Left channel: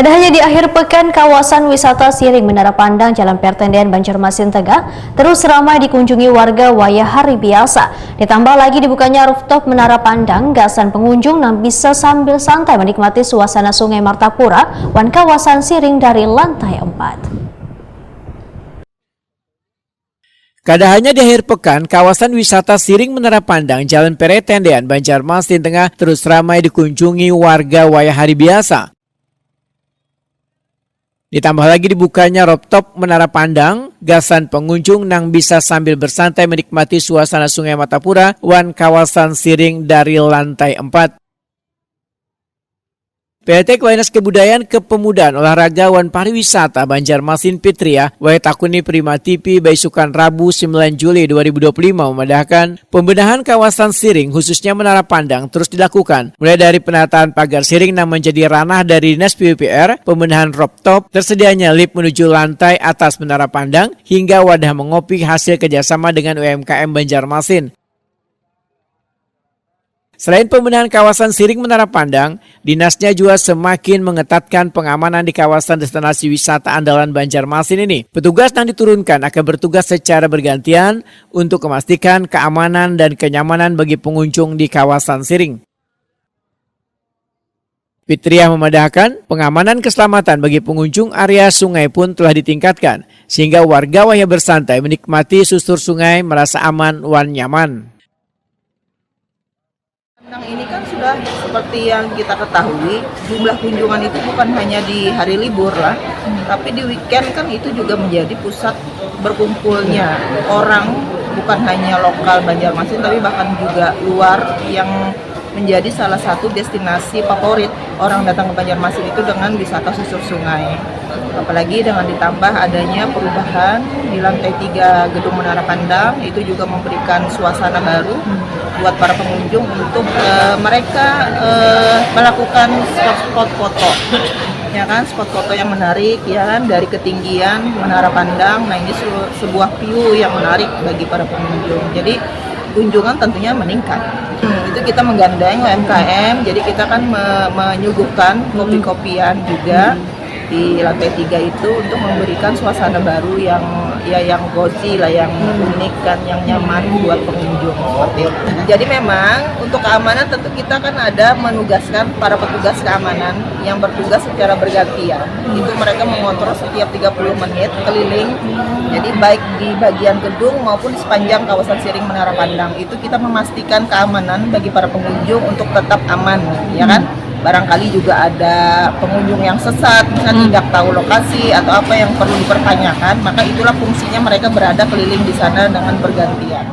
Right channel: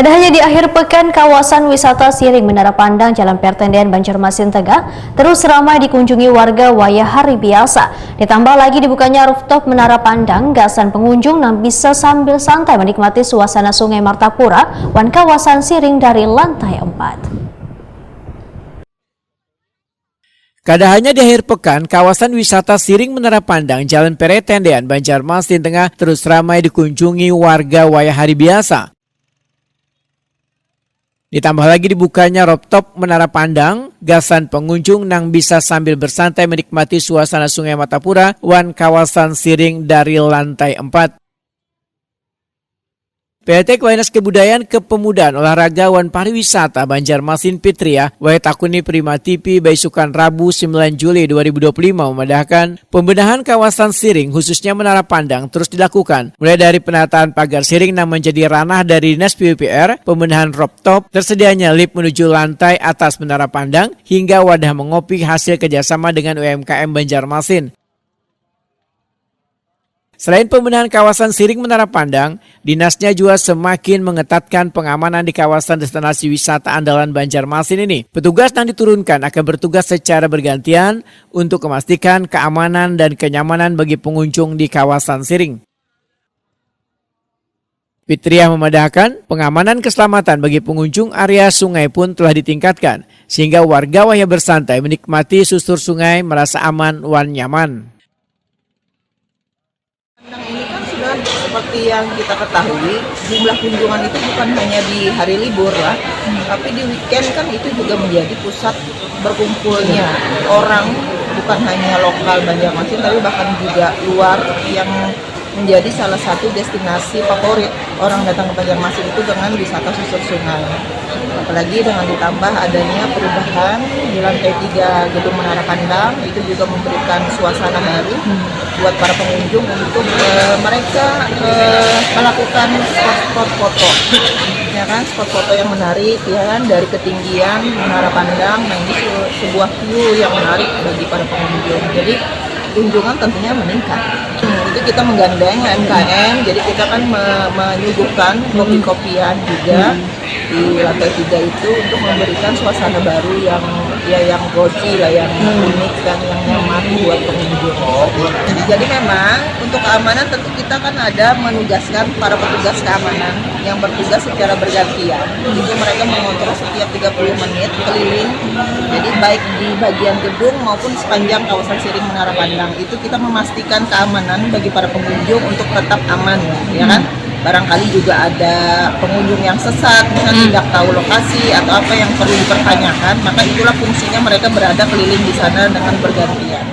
Kada hanya di akhir pekan, kawasan wisata Siring Menara Pandang Jalan Pertendean Banjarmasin Tengah terus ramai dikunjungi warga wayah hari biasa. Ditambah lagi dibukanya rooftop Menara Pandang, gasan pengunjung yang bisa sambil santai menikmati suasana Sungai Martapura wan kawasan Siring dari lantai 4. Kada hanya di akhir pekan, kawasan wisata Siring Menara Pandang Jalan Pertendean Banjarmasin Tengah terus ramai dikunjungi warga wayah hari biasa. Ditambah lagi dibukanya rooftop Menara Pandang, gasan pengunjung nang bisa sambil bersantai menikmati suasana Sungai Martapura wan kawasan Siring dari lantai 4. PT Kelainas Kebudayaan Kepemudaan Olahraga wan Pariwisata Banjarmasin Pitria wae takuni Prima TV Baisukan Rabu 9 Juli 2025 memadahkan pembenahan kawasan Siring khususnya Menara Pandang terus dilakukan mulai dari penataan pagar Siring yang menjadi ranah dari Dinas PUPR, pembenahan rooftop, tersedianya lift menuju lantai atas Menara Pandang hingga wadah mengopi hasil kerjasama dengan UMKM Banjarmasin. Selain pembenahan kawasan Siring Menara Pandang, dinasnya juga semakin mengetatkan pengamanan di kawasan destinasi wisata andalan Banjarmasin ini. Petugas yang diturunkan akan bertugas secara bergantian untuk memastikan keamanan dan kenyamanan bagi pengunjung di kawasan Siring. Fitriah memadahkan pengamanan keselamatan bagi pengunjung area sungai pun telah ditingkatkan, sehingga warga wayah bersantai menikmati susur sungai merasa aman wan nyaman. Ini kan sudah seperti yang kita ketahui, jumlah kunjungan itu bukan hanya di hari libur lah, tapi di weekend kan itu juga menjadi pusat berkumpulnya orang, bukan hanya lokal Banjarmasin tapi bahkan juga luar, yang menjadi salah satu destinasi favorit orang datang ke Banjarmasin itu dengan wisata susur sungai. Apalagi dengan ditambah adanya perubahan di lantai 3 Gedung Menara Pandang, itu juga memberikan suasana baru buat para pengunjung untuk mereka melakukan spot-spot foto, ya kan, spot foto yang menarik, ya kan, dari ketinggian Menara Pandang. Nah, ini sebuah view yang menarik bagi para pengunjung. Jadi kunjungan tentunya meningkat. Itu kita menggandeng UMKM, jadi kita kan menyuguhkan kopi-kopian juga di lantai 3 itu untuk memberikan suasana baru yang cozy lah, yang unik kan, yang nyaman buat pengunjung seperti itu. Jadi memang untuk keamanan tentu kita kan ada menugaskan para petugas keamanan yang bertugas secara bergantian. Itu mereka mengontrol setiap 30 menit keliling. Jadi baik di bagian gedung maupun di sepanjang kawasan Siring Menara Pandang itu kita memastikan keamanan bagi para pengunjung untuk tetap aman, ya kan? Barangkali juga ada pengunjung yang sesat, misalnya tidak tahu lokasi atau apa yang perlu dipertanyakan, maka itulah fungsinya mereka berada keliling di sana dengan bergantian.